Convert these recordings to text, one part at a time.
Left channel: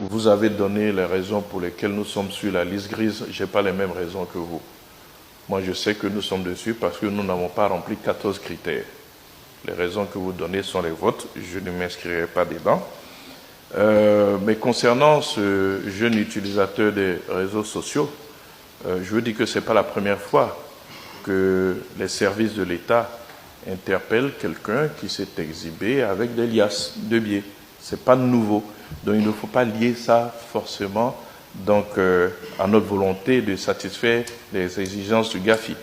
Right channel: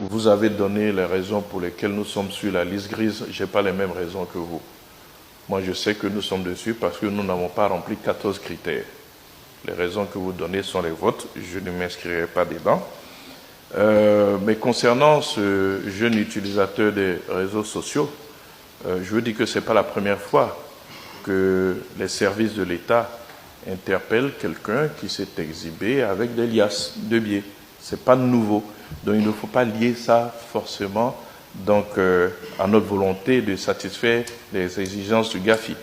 vous avez donné les raisons pour lesquelles nous sommes sur la liste grise. Je n'ai pas les mêmes raisons que vous. Moi, je sais que nous sommes dessus parce que nous n'avons pas rempli 14 critères. Les raisons que vous donnez sont les vôtres. Je ne m'inscrirai pas dedans. Mais concernant ce jeune utilisateur des réseaux sociaux, je veux dire que ce n'est pas la première fois que les services de l'État interpellent quelqu'un qui s'est exhibé avec des liasses de billets. Ce n'est pas nouveau. Donc il ne faut pas lier ça forcément à notre volonté de satisfaire les exigences du GAFI.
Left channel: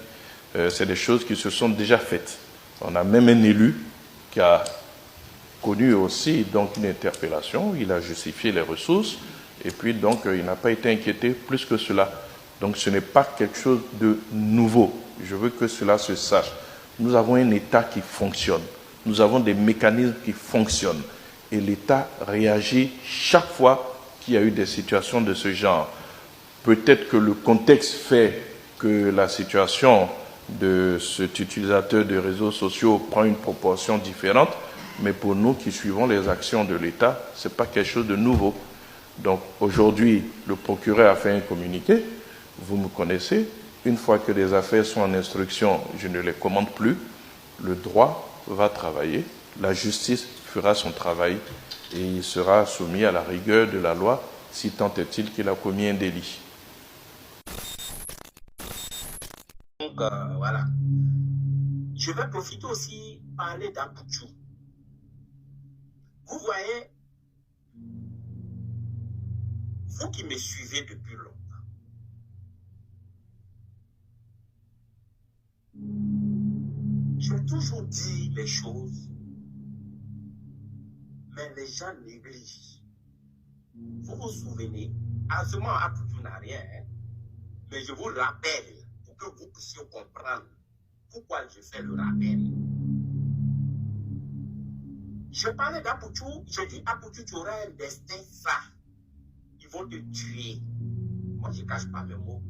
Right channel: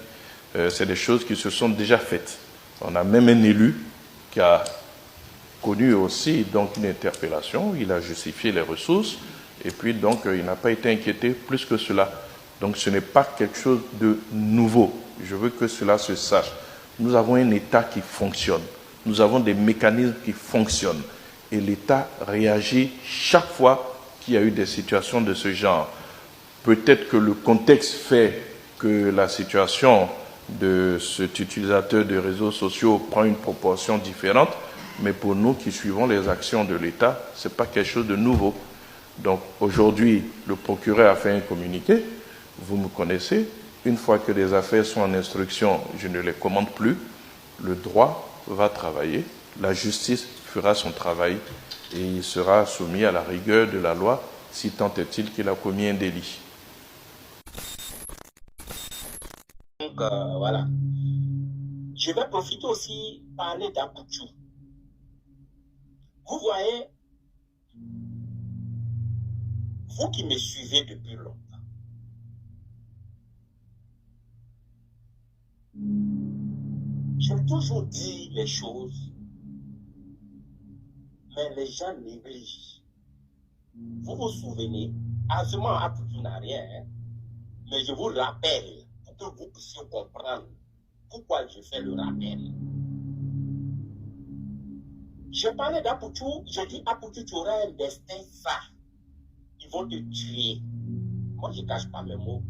C'est des choses qui se sont déjà faites. On a même un élu qui a connu aussi donc une interpellation, il a justifié les ressources et puis donc il n'a pas été inquiété plus que cela. Donc ce n'est pas quelque chose de nouveau. Je veux que cela se sache. Nous avons un État qui fonctionne. Nous avons des mécanismes qui fonctionnent. Et l'État réagit chaque fois qu'il y a eu des situations de ce genre. Peut-être que le contexte fait que la situation de cet utilisateur de réseaux sociaux prend une proportion différente, mais pour nous qui suivons les actions de l'État, ce n'est pas quelque chose de nouveau. Donc aujourd'hui, le procureur a fait un communiqué, vous me connaissez, une fois que les affaires sont en instruction, je ne les commande plus, le droit va travailler, la justice fera son travail et il sera soumis à la rigueur de la loi si tant est-il qu'il a commis un délit. Donc voilà. Je vais profiter aussi parler d'Abouchou. Vous voyez, vous qui me suivez depuis longtemps, j'ai toujours dit les choses, mais les gens négligent. Vous vous souvenez, à ce moment, Abouchou n'a rien, hein, mais je vous rappelle, pour que vous puissiez comprendre pourquoi je fais le rappel. Je parlais d'Abouchou, j'ai dit Abouchou, tu auras un destin ça. Ils vont te tuer. Moi, je ne cache pas mes mots.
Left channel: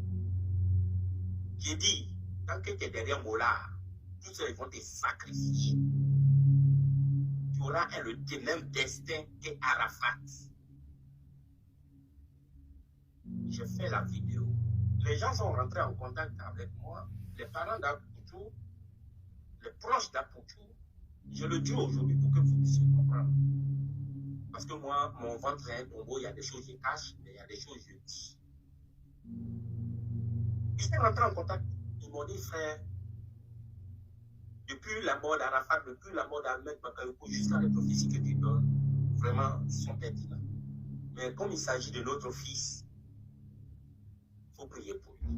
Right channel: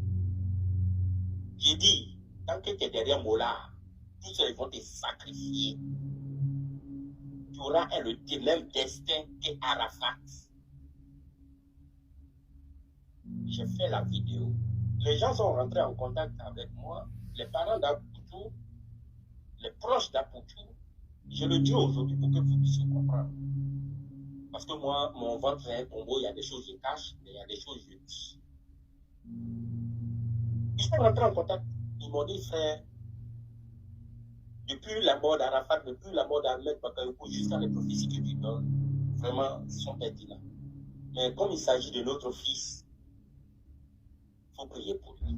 J'ai dit, tant que tu es derrière Mola, tous ceux ils vont te sacrifier. Tu auras le même destin qu'Arafat. J'ai fait la vidéo. Les gens sont rentrés en contact avec moi. Les parents d'Abouchou, les proches d'Abouchou. Je le dis aujourd'hui pour que vous puissiez comprendre. Parce que moi, mon ventre est un tombeau, il y a des choses que je cache, mais il y a des choses que je dis. Ils sont rentrés en contact. Ils m'ont dit, frère, depuis la mort d'Arafat, depuis la mort d'Ahmed Bakayoko, jusqu'à les prophéties que tu donnes, vraiment, ils sont pertinents. Mais comme il s'agit de notre fils, il faut prier pour lui.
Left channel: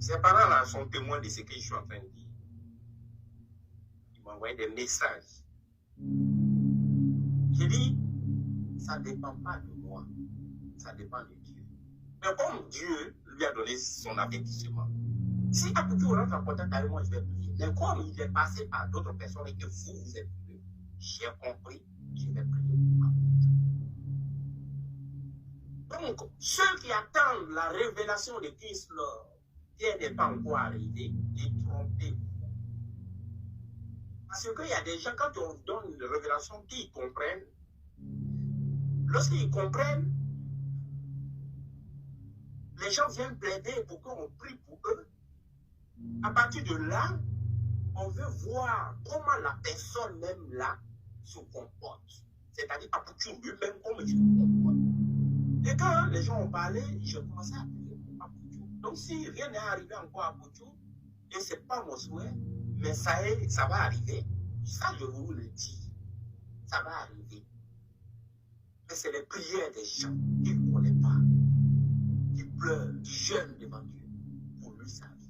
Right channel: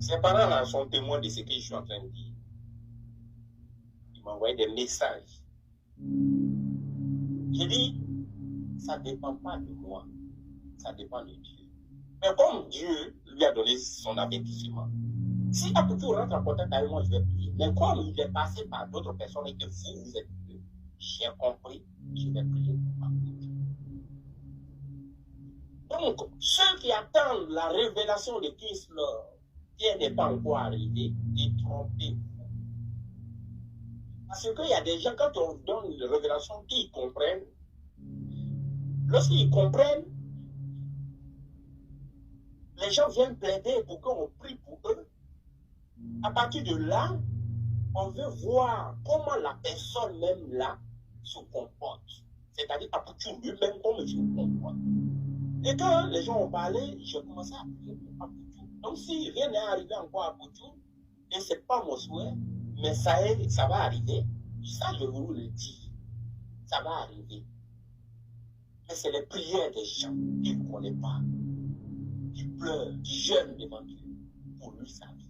Ses parents-là sont témoins de ce que je suis en train de dire. Ils m'ont envoyé des messages. J'ai dit, ça ne dépend pas de moi, ça dépend de Dieu. Mais comme Dieu lui a donné son avertissement, si Abouchou rentre en contact avec moi, je vais prier. Mais comme il est passé par d'autres personnes et que vous êtes venus, j'ai compris, je vais prier pour Abouchou. Donc, ceux qui attendent la révélation de Christ, qui n'est pas encore arrivé, détrompez-vous. Parce qu'il y a des gens, quand on donne une révélation, qui comprennent. Lorsqu'ils comprennent, les gens viennent plaider pour qu'on prie pour eux. À partir de là, on veut voir comment la personne même là se comporte. C'est-à-dire Abouchou lui-même, comment il se comporte. Et quand les gens ont parlé, j'ai commencé à prier pour Abouchou. Donc si rien n'est arrivé encore à Abouchou, et ce n'est pas mon souhait, mais ça va arriver. Ça, je vous le dis. Ça va arriver. Mais c'est les prières des gens qu'il ne connaît pas, qui pleurent, qui jeûnent devant Dieu pour lui sa vie.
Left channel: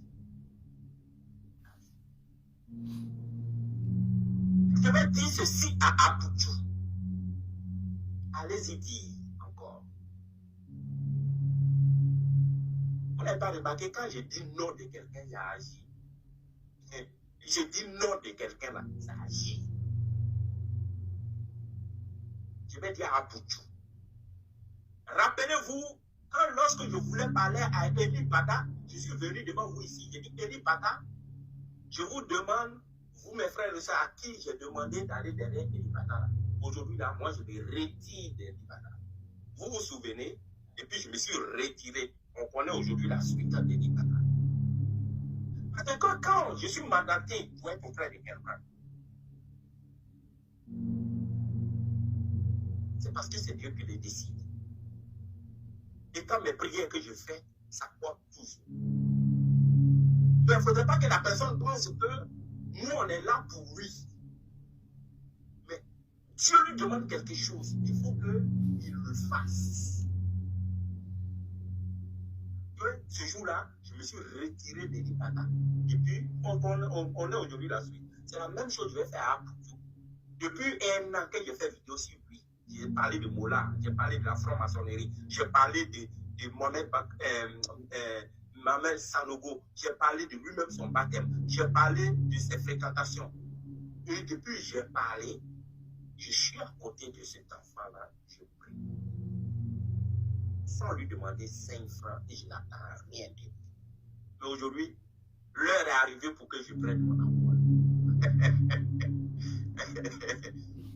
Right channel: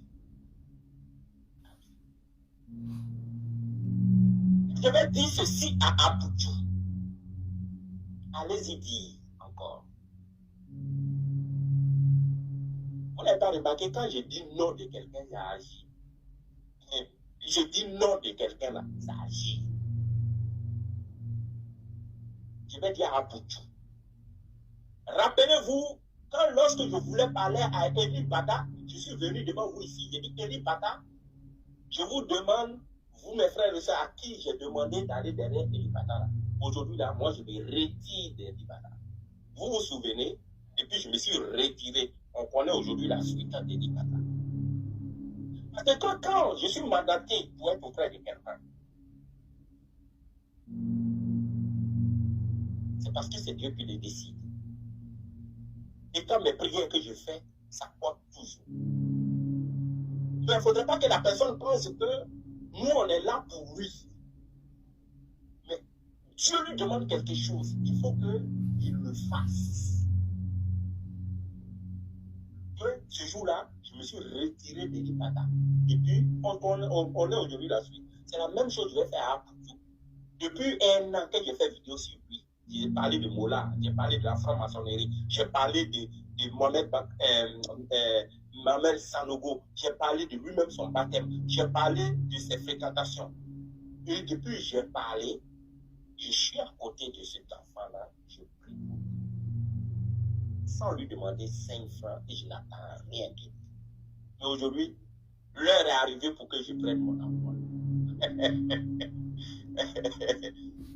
Je vais dire ceci à Abouchou. Allez-y dire encore. Vous n'avez pas remarqué, quand je dis non de quelqu'un, ça agit. Je dis non de quelqu'un là, ça agit. Je vais dire à Abouchou. Rappelez-vous, lorsque je voulais parler à Eli Bada, je suis venu devant vous ici. J'ai dit, Eli Bada, je vous demande, vous mes frères et sœurs, à qui j'ai demandé d'aller derrière Eli Bada là. Aujourd'hui là, moi je me retire d'Eli Bada. Vous vous souvenez? Et puis je me suis retiré. On connaît aujourd'hui la suite de Nibata. Parce que quand je suis mandaté pour être auprès de quelqu'un, c'est parce que c'est Dieu qui le décide. Et quand mes prières que je fais, ça porte toujours. Mais il ne faudrait pas que la personne pense que nous, on est là pour lui. Mais Dieu lui demande quelque chose. Il faut qu'il le fasse. Ce jour-là, je me suis retiré de l'Ibada. Et puis, on est aujourd'hui la suite. C'est la même chose que je vais faire à Aputu. Depuis un an que j'ai fait vidéo sur lui, j'ai parlé de Mola, j'ai parlé de la franc-maçonnerie, j'ai parlé de Mohamed Mamel Sanogo, j'ai parlé de lui-même son baptême, j'ai parlé de ses fréquentations. Et depuis que j'ai parlé, je suis à côté de cet enfant-là, je prie sans lui demander 5 francs et je n'attends rien du tout. Mais aujourd'hui, l'heure est arrivée pour que je prenne mon envol.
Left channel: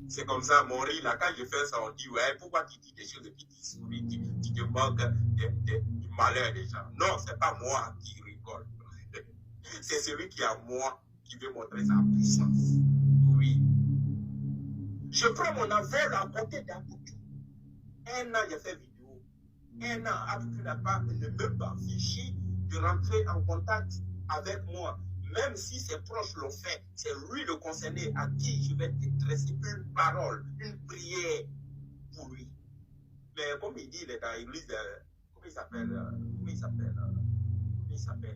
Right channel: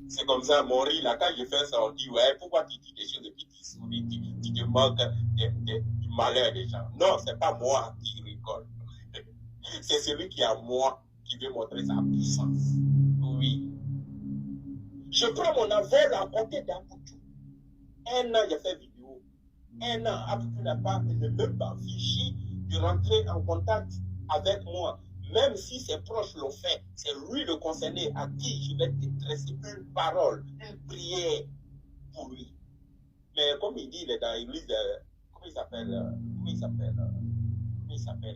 C'est comme ça, mon riz, là, quand je fais ça, on dit, ouais, pourquoi tu dis des choses et puis tu souris, tu te moques du malheur des gens. Non, c'est pas moi qui rigole. C'est celui qui est à moi qui veut montrer sa puissance. Oui. Je prends mon envol à côté d'Aputu. Un an, j'ai fait vidéo. Un an, Aputu n'a même pas fichu de rentrer en contact avec moi. Même si ses proches l'ont fait, c'est lui le concerné à qui je vais détresser une parole, une prière pour lui. Mais comme il dit, il est dans l'église, comment il s'appelle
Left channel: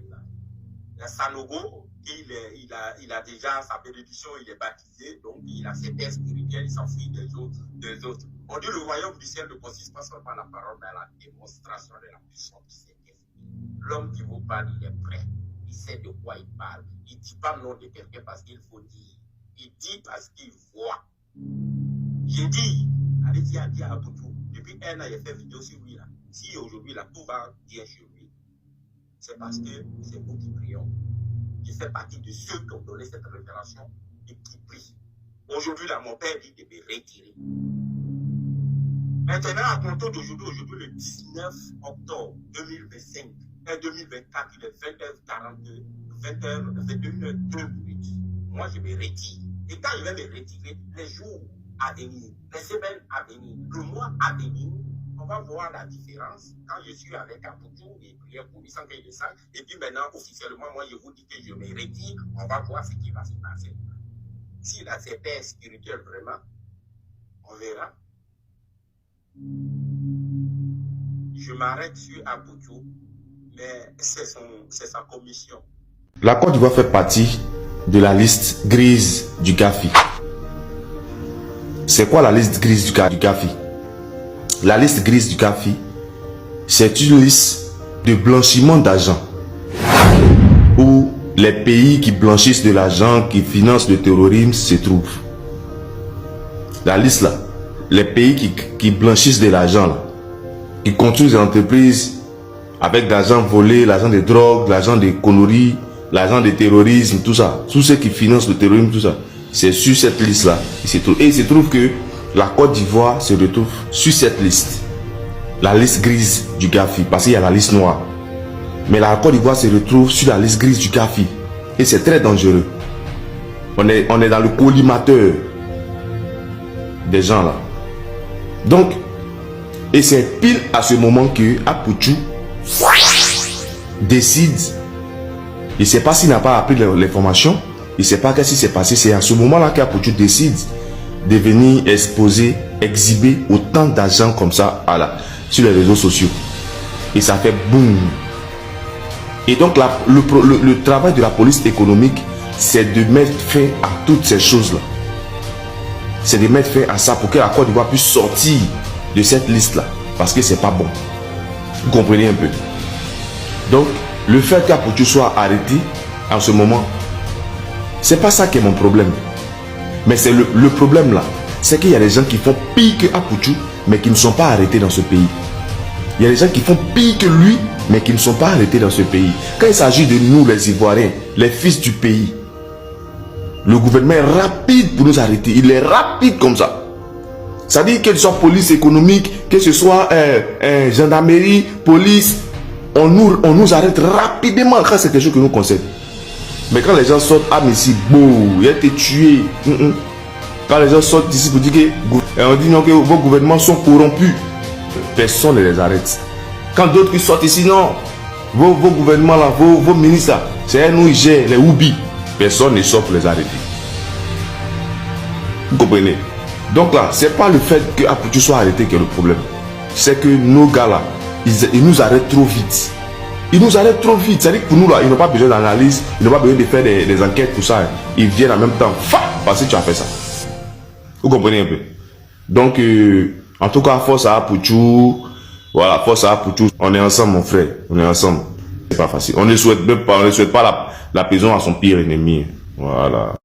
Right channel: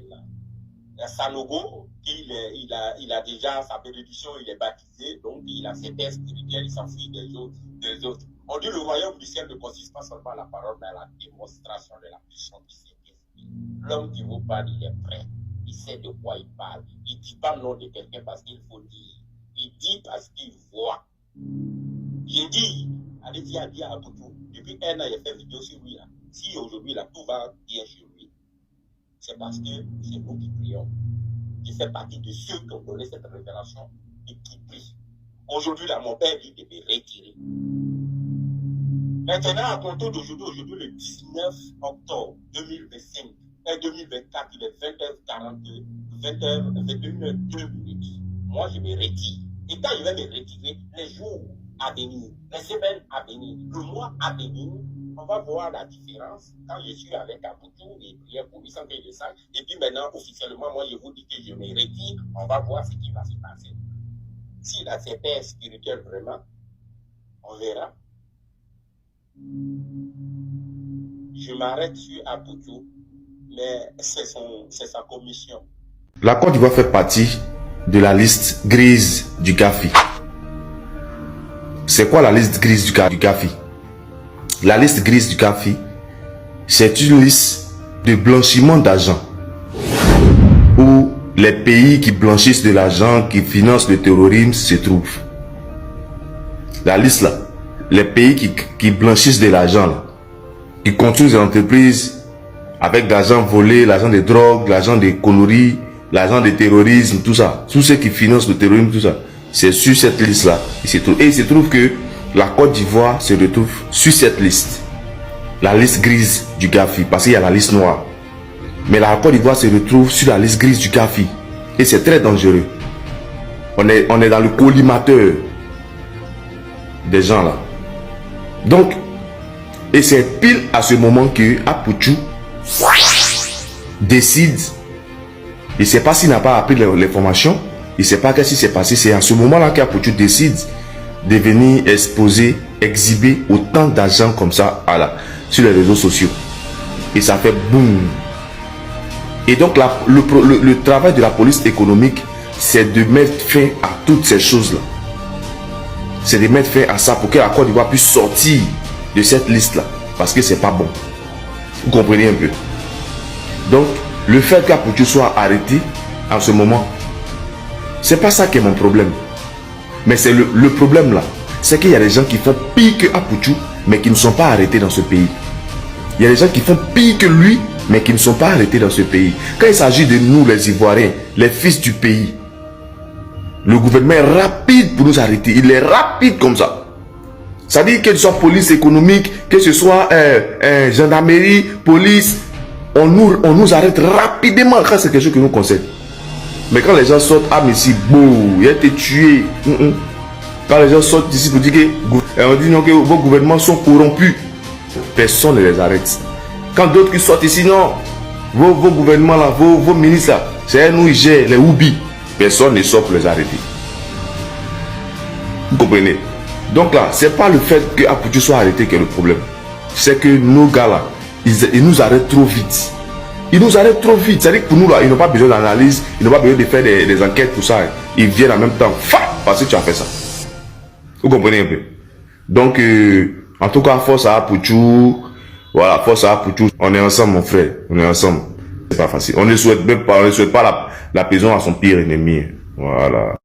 là, Sanogo, il a déjà sa bénédiction, il est baptisé, donc il a ses pères spirituels, il s'enfuit des autres. On dit le royaume du ciel ne consiste pas seulement à la parole, mais à la démonstration de la puissance du Saint-Esprit. L'homme qui vous parle, il est prêt. Il sait de quoi il parle. Il ne dit pas non de quelqu'un parce qu'il faut dire. Il dit parce qu'il voit. J'ai dit, allez-y à dire à Aputu. Depuis un an, il a fait vidéo sur lui. Là. Si aujourd'hui, là, tout va bien chez lui, c'est parce que c'est nous qui prions. Il fait partie de ceux qui ont donné cette révélation et qui prient. Aujourd'hui, là, mon père dit de me retirer. Maintenant, à compter d'aujourd'hui, le 19 octobre 2025, 2024, il est 20h42, 21h02. Moi, je me retire. Et quand je vais me retirer, les jours à venir, les semaines à venir, le mois à venir, on va voir la différence quand je suis avec Aputu et prier pour lui sans qu'il le sache. Et puis maintenant, officiellement, moi, je vous dis que je me retire. On va voir ce qui va se passer. S'il a ses pères spirituels vraiment, on verra. Je m'arrête sur Aputu. Mais c'est sa commission. La Côte d'Ivoire fait partie de la liste grise du GAFI. C'est quoi la liste grise du GAFI? La liste grise du GAFI, c'est une liste de blanchiment d'argent où les pays qui blanchissent de l'argent, qui financent le terrorisme se trouvent. La liste là, les pays qui blanchissent de l'argent là, qui construisent des entreprises avec l'argent volé, l'argent des drogues, l'argent des conneries, l'argent des terrorisme, tout ça. Tous ceux qui financent le terrorisme, tout ça. C'est sur cette liste-là. Et il se trouve que la Côte d'Ivoire se retrouve sur cette liste. La liste grise du GAFI. Parce qu'il y a la liste noire. Mais la Côte d'Ivoire se retrouve sur la liste grise du GAFI. Et c'est très dangereux. On est dans le collimateur des gens là. Donc, et c'est pile à ce moment que Aputu décide. Il ne sait pas s'il n'a pas appris les formations. Il ne sait pas qu'est-ce qui s'est passé. C'est à ce moment-là qu'Aputu décide de venir exposer, exhiber autant d'argent comme ça sur les réseaux sociaux. Et ça fait boum. Et donc le travail de la police économique, c'est de mettre fin à toutes ces choses-là. C'est de mettre fin à ça pour que la Côte d'Ivoire puisse sortir de cette liste-là. Parce que c'est pas bon. Vous comprenez un peu. Donc, le fait qu'Aputu soit arrêté en ce moment, c'est pas ça qui est mon problème. Mais c'est le problème là. C'est qu'il y a des gens qui font pire que Aputu, mais qui ne sont pas arrêtés dans ce pays. Il y a des gens qui font pire que lui, mais qui ne sont pas arrêtés dans ce pays. Quand il s'agit de nous, les Ivoiriens, les fils du pays, le gouvernement est rapide pour nous arrêter. Il est rapide comme ça. Ça dit que ce soit police économique, que ce soit gendarmerie, police, on nous arrête rapidement quand c'est quelque chose qui nous concerne. Mais quand les gens sortent, ah mais si beau, il a été tué. Quand les gens sortent d'ici pour dire que on dit non, que vos gouvernements sont corrompus, personne ne les arrête. Quand d'autres qui sortent ici, non, vos gouvernements là, vos ministres là, c'est nous ils gèrent les oubis, personne ne sort pour les arrêter. Vous comprenez? Donc là, c'est pas le fait que Apoutou soit arrêté qui est le problème. C'est que nos gars là, ils nous arrêtent trop vite. Ils nous arrêtent trop vite. C'est-à-dire que pour nous là, ils n'ont pas besoin d'analyse, ils n'ont pas besoin de faire des enquêtes pour ça. Ils viennent en même temps, parce que tu as fait ça. Vous comprenez un peu? Donc, en tout cas, force à Apoutou. Voilà, force à Apoutou. On est ensemble, mon frère. On est ensemble. C'est pas facile. On ne souhaite pas la prison à son pire ennemi. Voilà.